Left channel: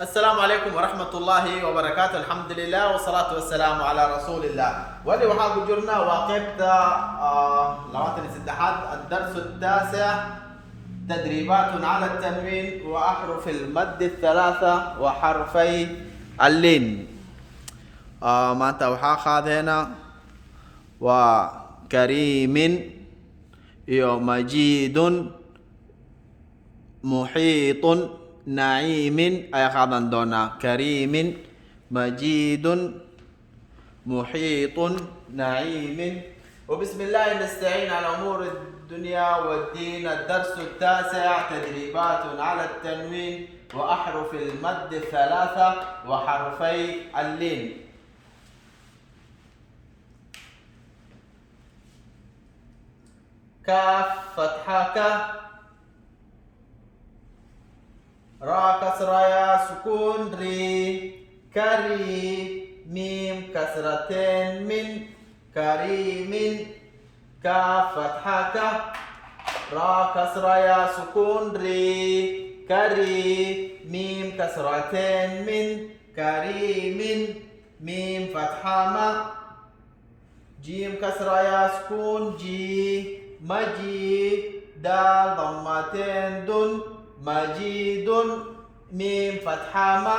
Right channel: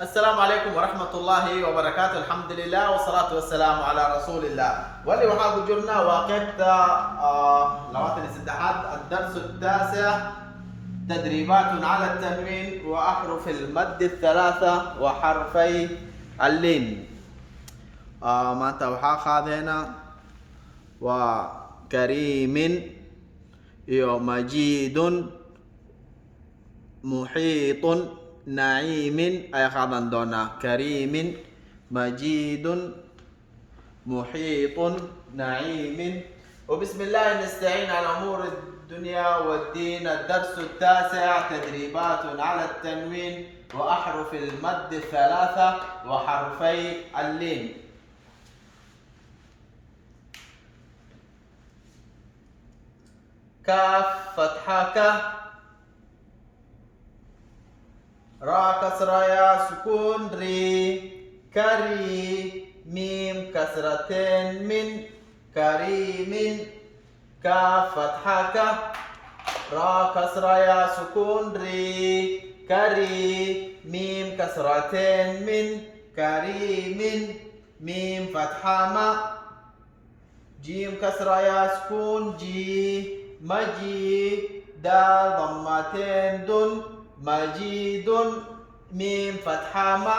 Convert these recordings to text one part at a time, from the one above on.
السلام عليكم ورحمة الله وبركاته. الحمد لله والصلاة والسلام على رسول الله. واللي وحاب جرنا واقفت لواتن الاتحاد الدرس التاسع، تدريبات على التنوين وأحرف المد الثلاثة وحرفي اللين. ما توحى خاذنا وكريم مجيد محيط نعيم أي خاذن دونا كريم مجيد محيط نعيم. وبسم الله نستعين على أمور الدنيا والدين. الدرس التاسع، تدريبات على التنوين وأحرف المد الثلاثة وحرفي اللين. كاف فتحة ك، را كسرة يا سكون ري، كري، ميم كسرتين من، كريم. كاف فتحة ك، را كسرة يا سكون ري، كري، ميم كسرتين من، كريم. ميم فتحة ما، جيم كسرة يا سكون جي، مجيد. دال ضمتين دن، مجيد. ميم فتحة ما،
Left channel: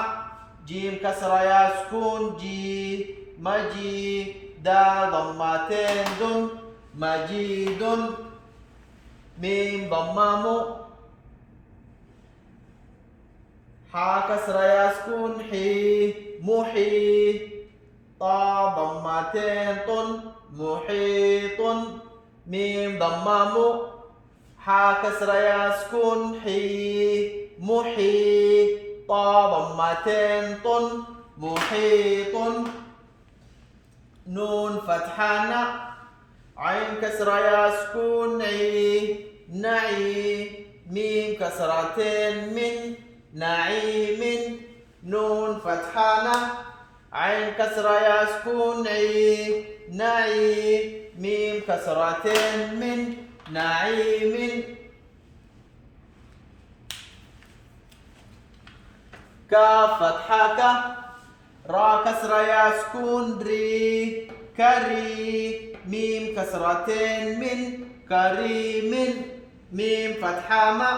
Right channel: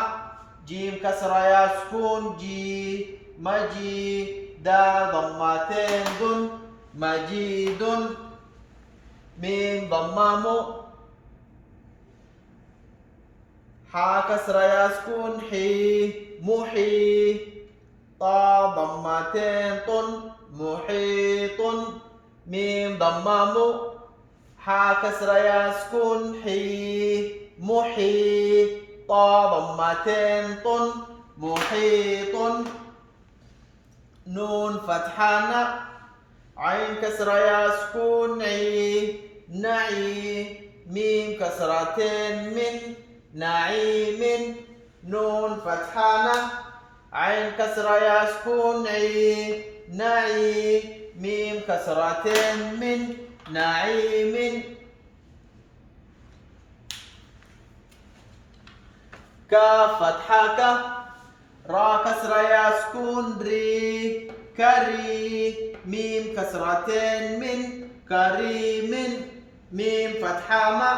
جيم كسرة يا سكون جي، مجيد. دال ضمتين دن، مجيد. ميم ضمام، حا كسرة يا سكون حي، محي. طا ضمتين طن، محيط. ميم ضمام، حا كسرة يا سكون حي، محي. طا ضمتين طن، محيط. نون فتحة عين كسرة يا سكون عي، نعي. ميم كسرتين من، نعيم. نون فتحة عين كسرة يا سكون عي، نعي. ميم كسرتين من، نعيم. كاف فتحة ك، را كسرة يا سكون ري، كري. ميم كسرتين من، كريم. ميم فتحة ما،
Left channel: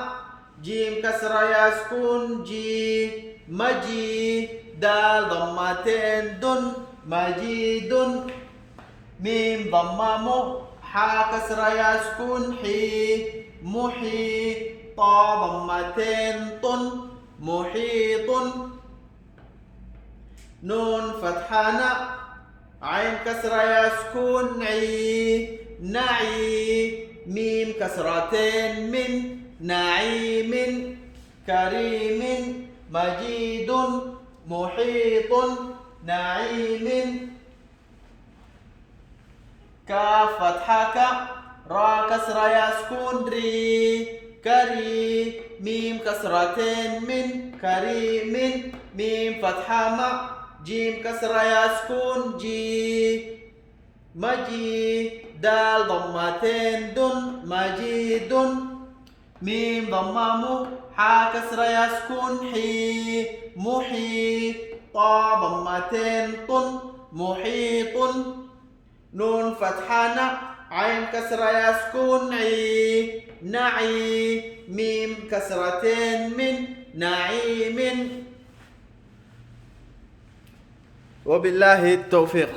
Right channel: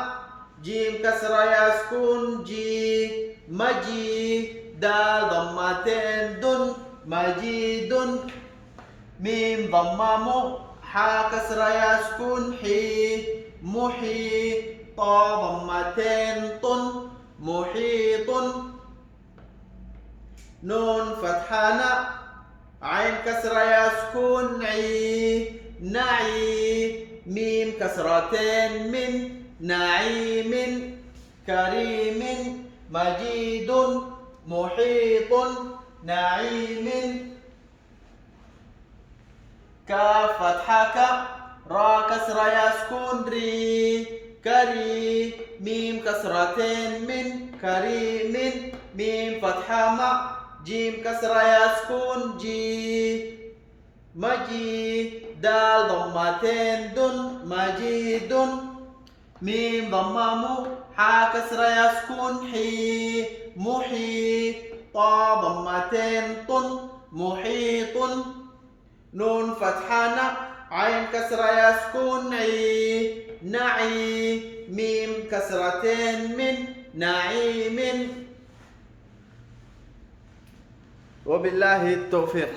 جيم كسرة يا سكون جي، مجي. دال ضمتين دن، مجيد. ميم ضمام، حا كسرة يا سكون حي، محي. طا ضمتين طن، محيط. نون فتحة عين كسرة يا سكون عي، نعي. ميم كسرتين من، نعيم. كريم مجيد محيط نعيم. كاف فتحة ك، را كسرة يا سكون ري، كري. ميم كسرتين من، كريم. ميم فتحة ما، جيم كسرة يا سكون جي، مجي. دال ضمتين دن، مجيد. ميم ضمام، حا كسرة يا سكون حي، محي. طا ضمتين طن، محيط. نون فتحة عين كسرة يا سكون عي، نعي. ميم كسرتين من، نعيم. وبالله التوفيق.